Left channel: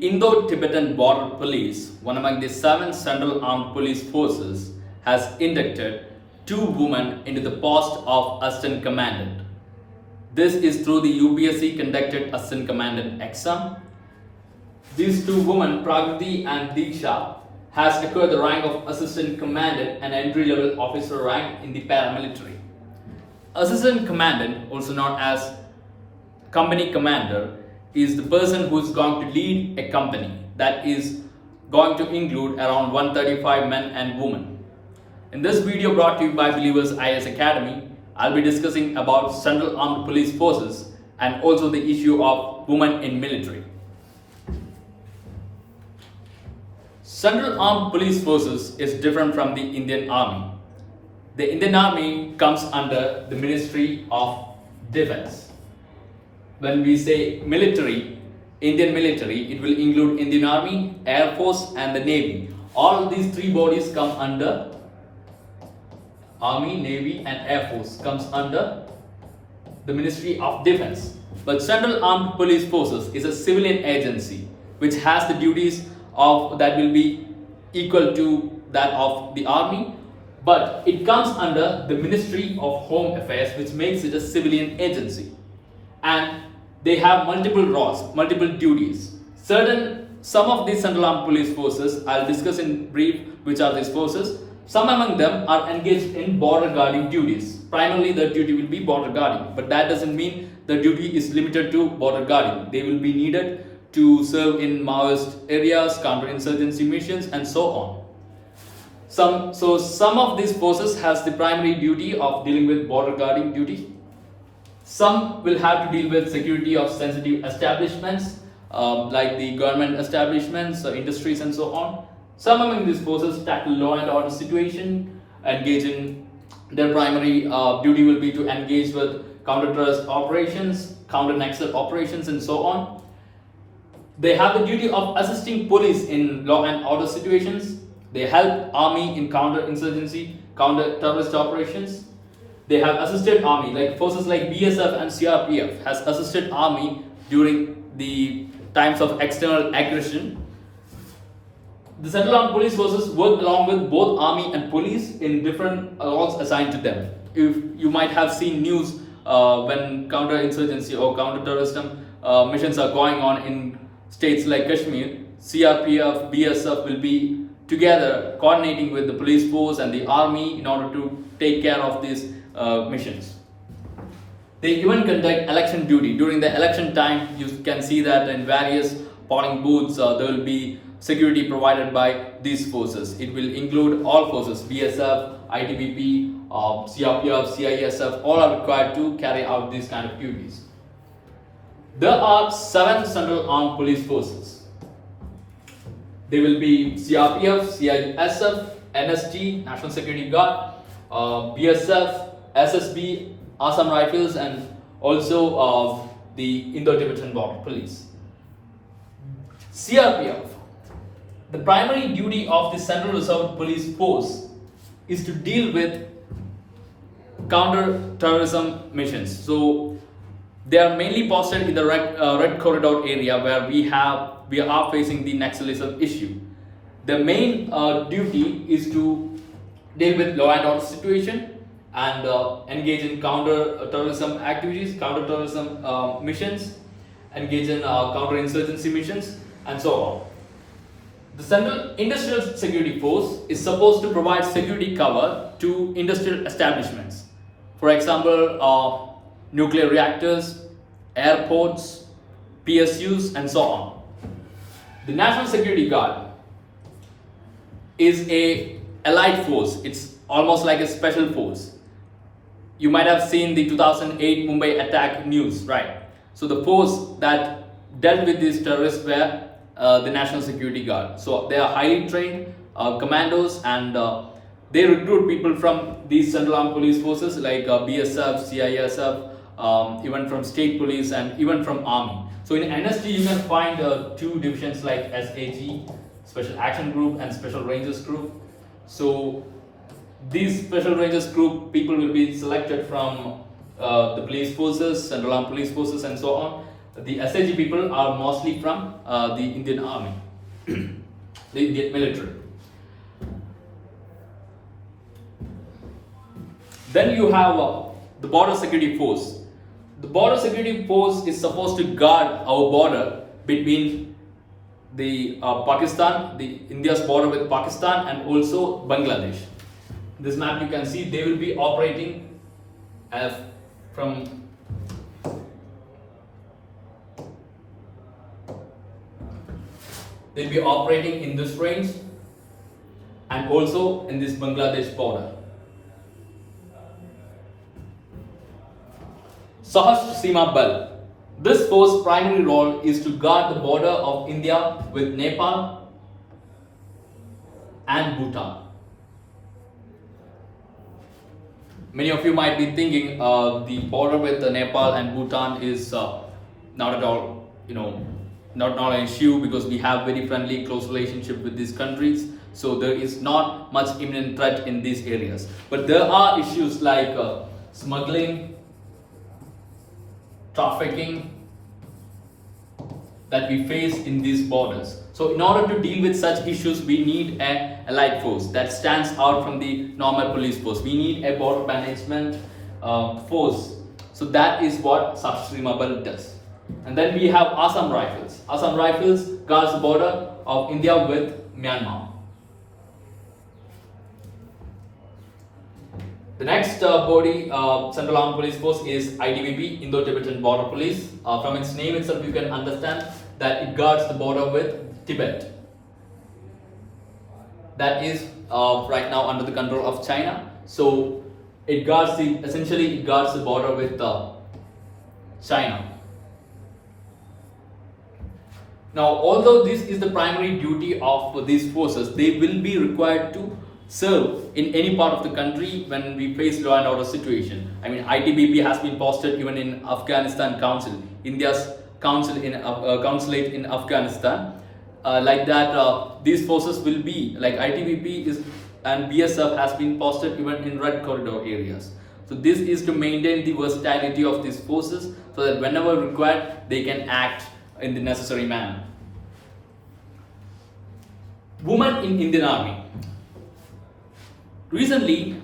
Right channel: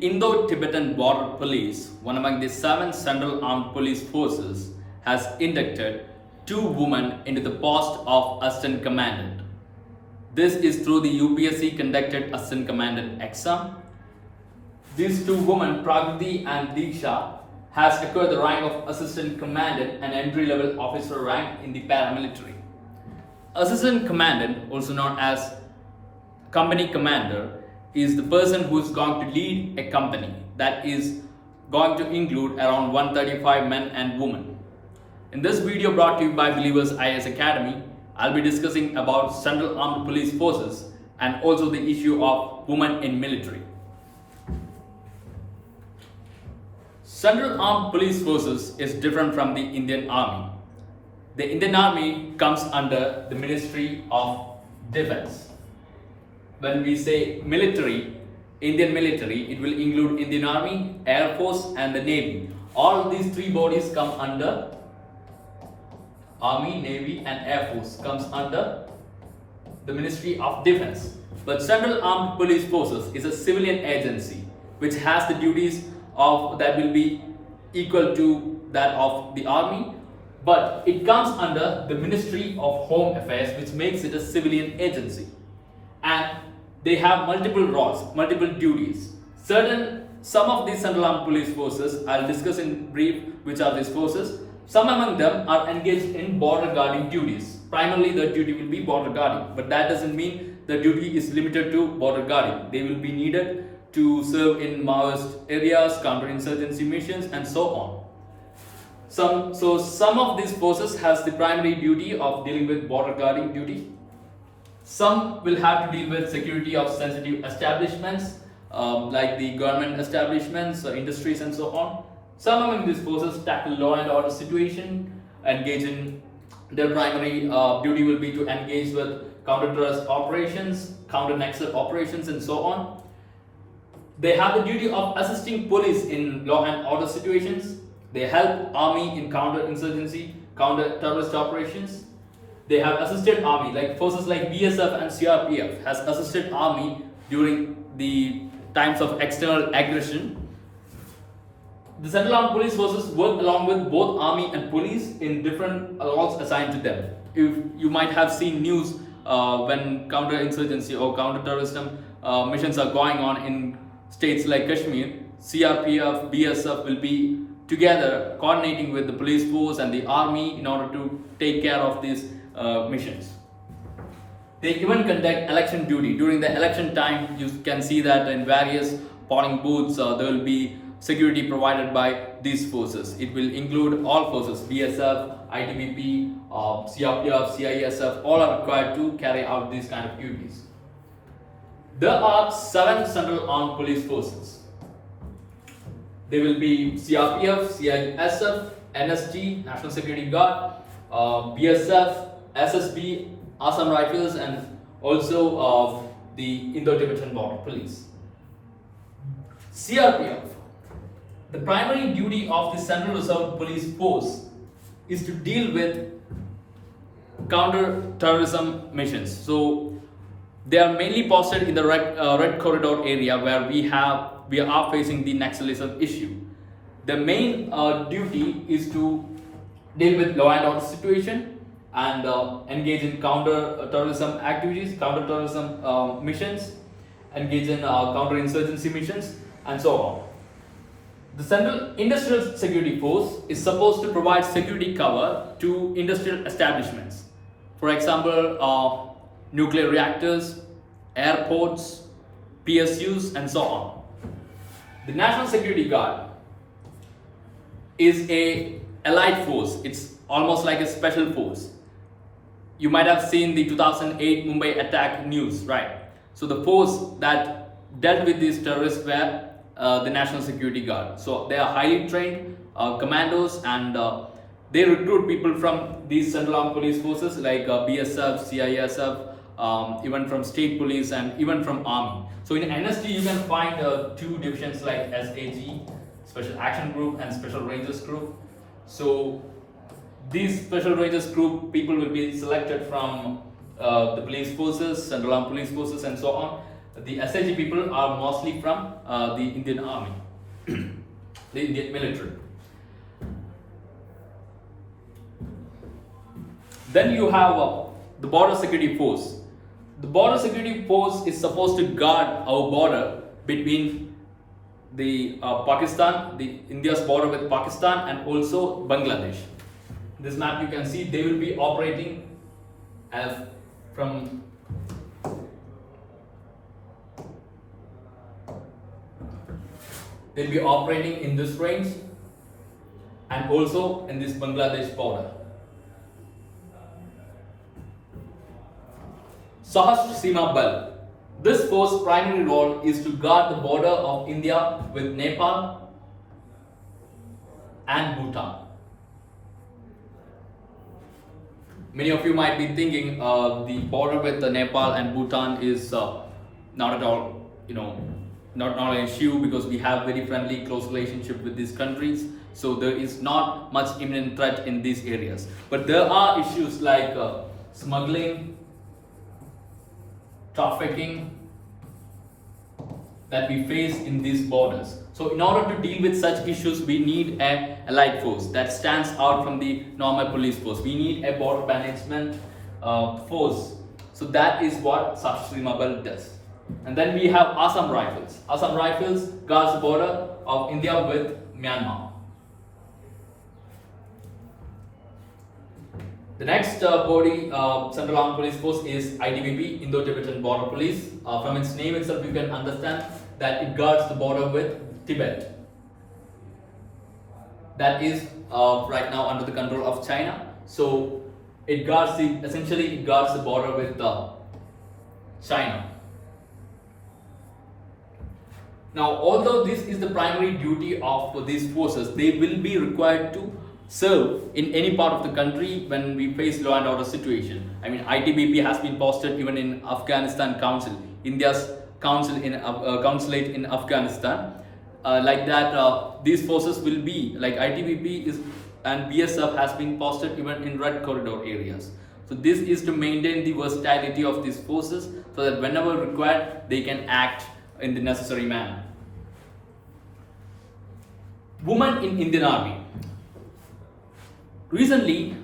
Indo-Tibetan Border Police, one among the 7 Central Armed Police Forces, has inducted 2 women into the post of Assistant Commandant. This is through the UPSC conducted Assistant Commandant exam. These 2 women, Prakriti and Diksha, has acquired the rank of Assistant Commandant and entry-level officer rank in the paramilitary. Assistant Commandant, also known as Company Commander, is the person who is going to lead a company that is going to include around 135 men and women. In this video brought to you by Believers IAS Academy, I'll be discussing about Central Armed Police Forces and also the issue of women in military. Central Armed Police Forces is different from the Indian Army. The Indian Army comes under the Ministry of Defense. When we say military, Indian military, it will include Indian Army, Air Force and the Navy. All these 3 bodies come under Army, Navy and Air Force comes under the Ministry of Defense. But Central Armed Police Forces is a civilian agency which has the duties of that will be equal to that of the Army, but it comes under the Ministry of Home Affairs, which makes it a civilian agency. And they have multiple roles, multiple duties. Some of these Central Armed Police Forces, I'll discuss in brief which are these forces. Some among them are engaged in border guarding duties. Primarily the duty will be border guarding, but that doesn't mean the duty is limited to border guarding. They will be needed to serve in Maoist areas, counterinsurgency missions and so on. Some of these forces has the primary duty of dealing with border guarding duty. Some will have to deal with security of sensitive establishments like the government establishments, industries and so on. Some among these forces tackle law and order situation, their primary duty will be to engage with counter-terrorist operations, counter-Naxal operations and so on. They have the duty of assisting police in law and order situations. They help army in counter-insurgency, counter-terrorist operations. They have assisted army, like forces like BSF and CAPF has assisted army during the times of external aggression. The Central Armed Police Forces work along with both army and police in different roles assigned to them. If you might have seen news when counter-insurgency or counter-terrorism missions are going on in states like Kashmir, CRPF, BSF will be together coordinating with the police force and the army in order to take care of these missions. They even conduct election duty. During the election time, you can see that in various polling booths there will be security provided by these forces. It will include all forces, BSF, ITBP, CRPF, CISF, all are required to carry out these kind of duties. There are 7 Central Armed Police Forces. They will be CRPF, CISF, NSG, National Security Guard, BSF, SSB, Assam Rifles and also the Indo-Tibetan Border Police. CRPF. The primary duty of the Central Reserve Police Force is to deal with counter-terrorism missions. So they are mainly posted in the red corridor area where we are facing the Naxalism issue. The main duty is to deal with law and order situation and engage in counter-terrorism activities, counter-terrorism missions, engage in counter-insurgency missions and so on. The Central Industrial Security Force is supposed to provide security cover to industrial establishments. For example, nuclear reactors, airports, PSUs and so on. The National Security Guard is a allied force. It's almost like a special force. You might have seen the 2008 Mumbai attack news, right? So the force that dealt with these terrorists were the National Security Guard. So they are highly trained commandos and they recruit people from these Central Armed Police Forces like BSF, CISF, even from state police and even from army. So in NSG you can find 2 divisions like SAG, Special Action Group and Special Rangers Group. So these Special Rangers Group people will be selected from the police forces, Central Armed Police Forces and so on. the SAG people are mostly from the Indian Army, the Indian military. Then you have the border security force. The border security force is supposed to guard our border between the Pakistan, the India's border with Pakistan, and also Bangladesh. This map you can see they will be operating from they'll be operating in this range and also in this Bangladesh border. Sahastra Seema Bal. This force's primary role is to guard the border of India with Nepal and Bhutan. Many of you might be thinking the border with Nepal and Bhutan is not at all, not an issue because we have very friendly, close relationship with these countries. So there is not much imminent threat in these areas. But there are issues like smuggling, trafficking that we face in these borders. So in order to deal with such issues, we need a allied force that stands out from the normal police force. We need a border management force. So that is what Sahastra Seema Bal does. And then we have Assam Rifles. Assam Rifles guards the border of India with Myanmar. The next body, Central Armed Police Force, is ITBP, Indo-Tibetan Border Police. From its name itself, you can understand that it guards the border with Tibet. That is right now under the control of China. So it guards essentially it guards the border with China. Now, although this is the primary duty of these forces, they will be required to serve in any part of the country when we face law and order situation. I mean, ITBP has been posted even in Afghanistan Council, India's consulate in Afghanistan. Like that, these forces will be like ITBP and BSF has been posted even in red corridor areas. So this is to maintain the versatility of these forces so that whenever required, they can act in the necessary manner. Women in Indian Army. Recently,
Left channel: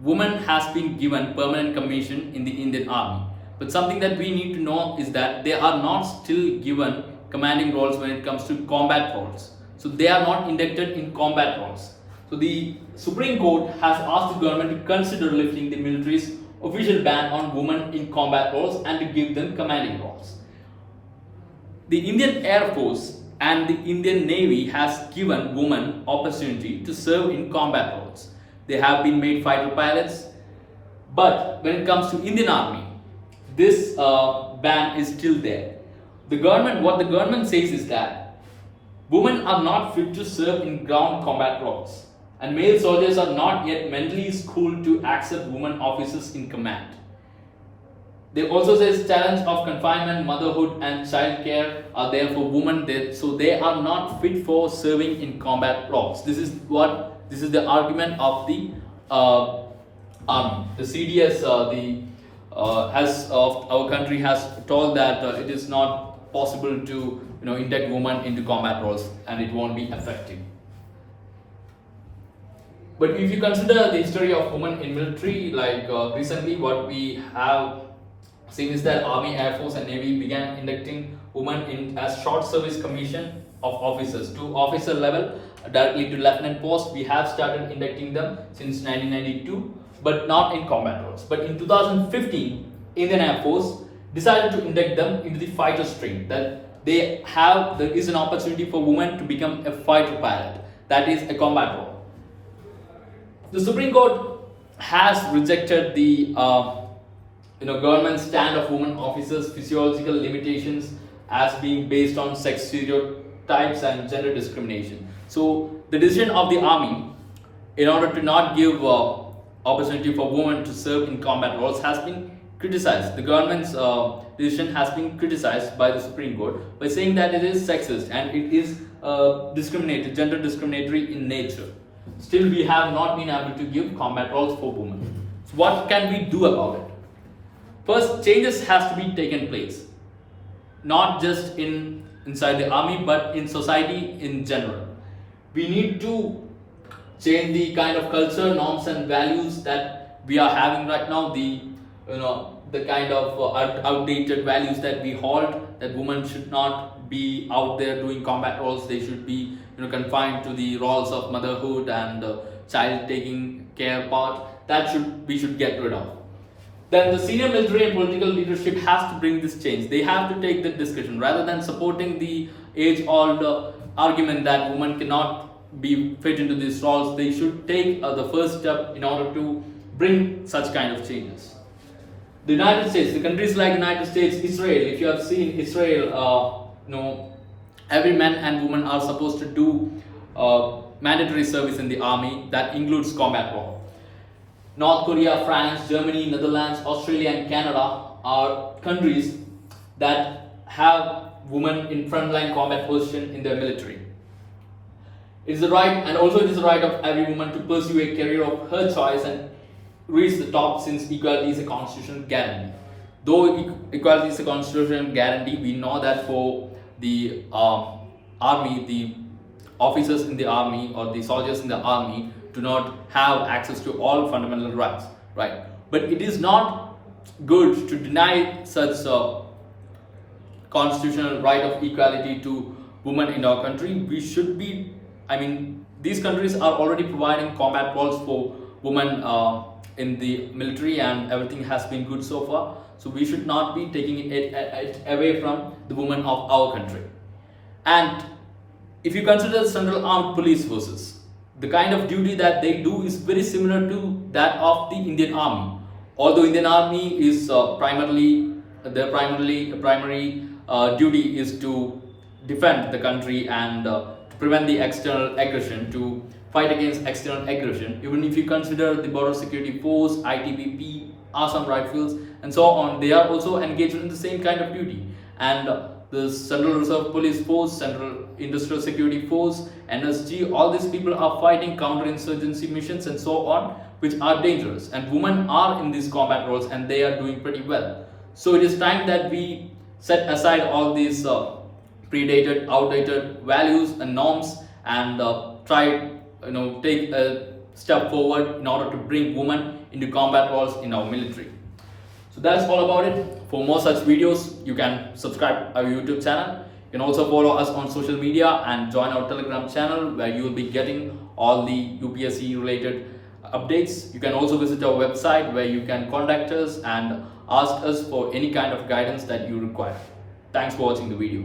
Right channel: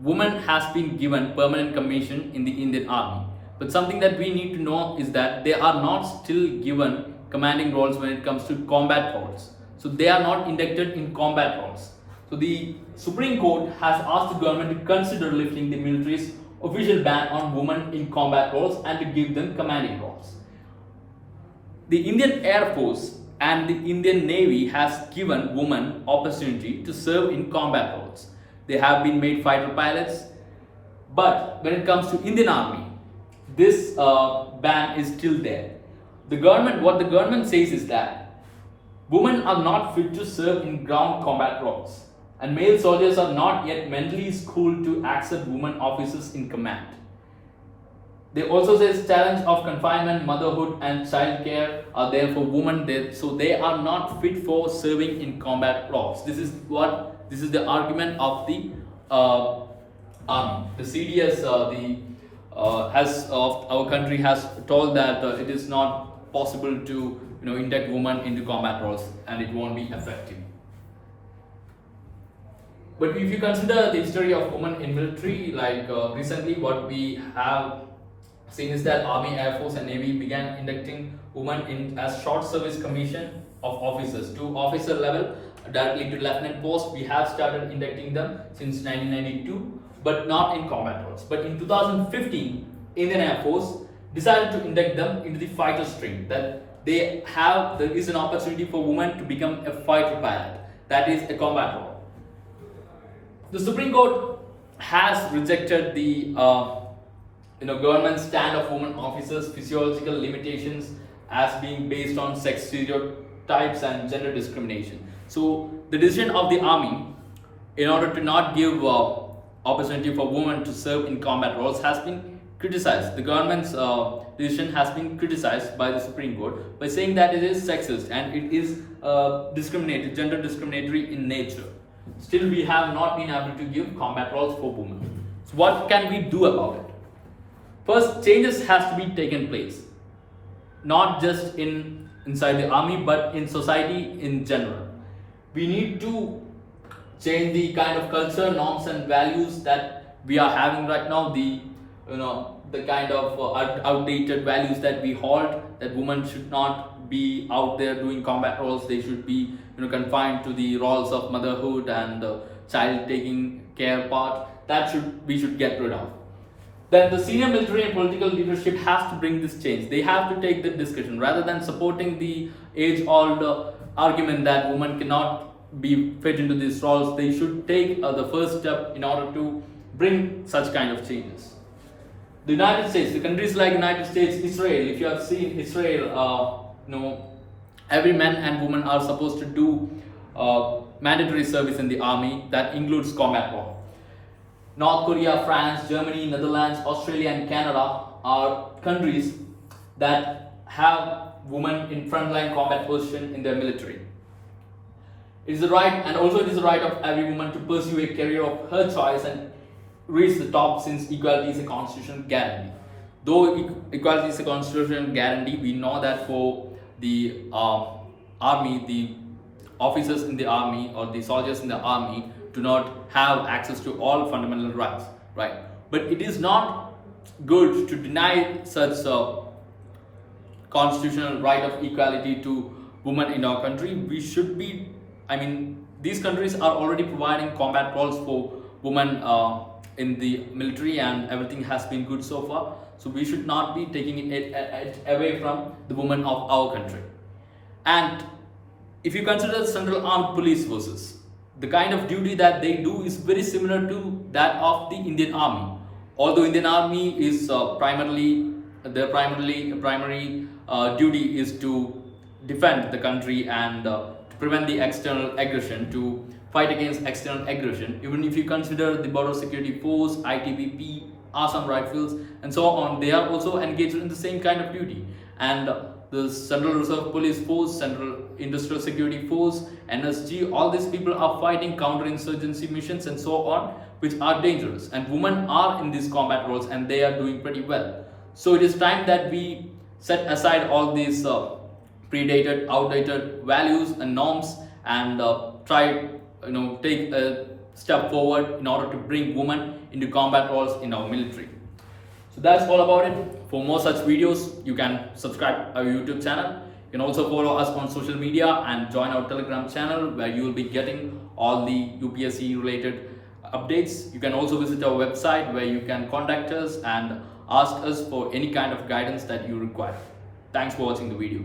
women has been given permanent commission in the Indian Army. But something that we need to know is that they are not still given commanding roles when it comes to combat roles. So they are not inducted in combat roles. So the Supreme Court has asked the government to consider lifting the military's official ban on women in combat roles and to give them commanding roles. The Indian Air Force and the Indian Navy has given women opportunity to serve in combat roles. They have been made fighter pilots, but when it comes to Indian Army, this ban is still there. What the government says is that women are not fit to serve in ground combat roles, and male soldiers are not yet mentally schooled to accept women officers in command. They also say talents of confinement, motherhood, and child care are there for women, so they are not fit for serving in combat roles. This is the argument of the army. The CDS, of our country has told that it is not possible to induct women into combat roles, and it won't be effective. But if you consider the history of women in military, like recently, what we have seen is that Army, Air Force, and Navy began inducting women in as short service commission of officers to officer level directly to lieutenant post. We have started inducting them since 1992, but not in combat roles. But in 2015, Indian Air Force decided to induct them into the fighter stream. That there is an opportunity for women to become a fighter pilot. That is a combat role. The Supreme Court has rejected the government stand of women officers' physiological limitations as being based on sex stereotypes and gender discrimination. So the decision of the army, in order to not give opportunity for women to serve in combat roles, has been criticized. The government's decision has been criticized by the Supreme Court by saying that it is sexist and it is gender discriminatory in nature. Still, we have not been able to give combat roles for women. So what can we do about it? First, changes has to be taken place. not just inside the army but in society in general. We need to change the kind of culture, norms and values that we are having right now, the kind of outdated values that we hold, that women should not be out there doing combat roles. They should be confined to the roles of motherhood and child taking care part. That we should get rid of. Then the senior military and political leadership has to bring this change. They have to take the discussion rather than supporting the age-old argument that women cannot be fit into these roles. They should take the first step in order to bring such kind of changes. The United States, the countries like United States, Israel. If you have seen Israel, every man and woman are supposed to do mandatory service in the army. That includes combat role. North Korea, France, Germany, Netherlands, Australia and Canada are countries that have women in frontline combat position in their military. It is the right, and also it is the right of every woman to pursue a career of her choice and reach the top, since equality is a constitutional guarantee. Though equality is a constitutional guarantee, we know that for the army, the officers in the army or the soldiers in the army do not have access to all fundamental rights, right? But it is not good to deny such a constitutional right of equality to women in our country. We should be, these countries are already providing combat roles for women in the military, and everything has been good so far. So we should not be taking it away from the women of our country. And if you consider the Central Armed Police Forces, the kind of duty that they do is very similar to that of the Indian Army. Although Indian Army is primary duty is to defend the country and to prevent the external aggression, to fight against external aggression. Even if you consider the Border Security Force, ITBP, Assam Rifles and so on, they are also engaged in the same kind of duty. And the Central Reserve Police Force, Central Industrial Security Force, NSG, all these people are fighting counterinsurgency missions and so on, which are dangerous. And women are in these combat roles and they are doing pretty well. So it is time that we set aside all these predated, outdated values and norms and try, take a step forward in order to bring women into combat roles in our military. So that's all about it. For more such videos, you can subscribe our YouTube channel. You can also follow us on social media and join our Telegram channel, where you will be getting all the UPSC related updates. You can also visit our website, where you can contact us and ask us for any kind of guidance that you require. Thanks for watching the video.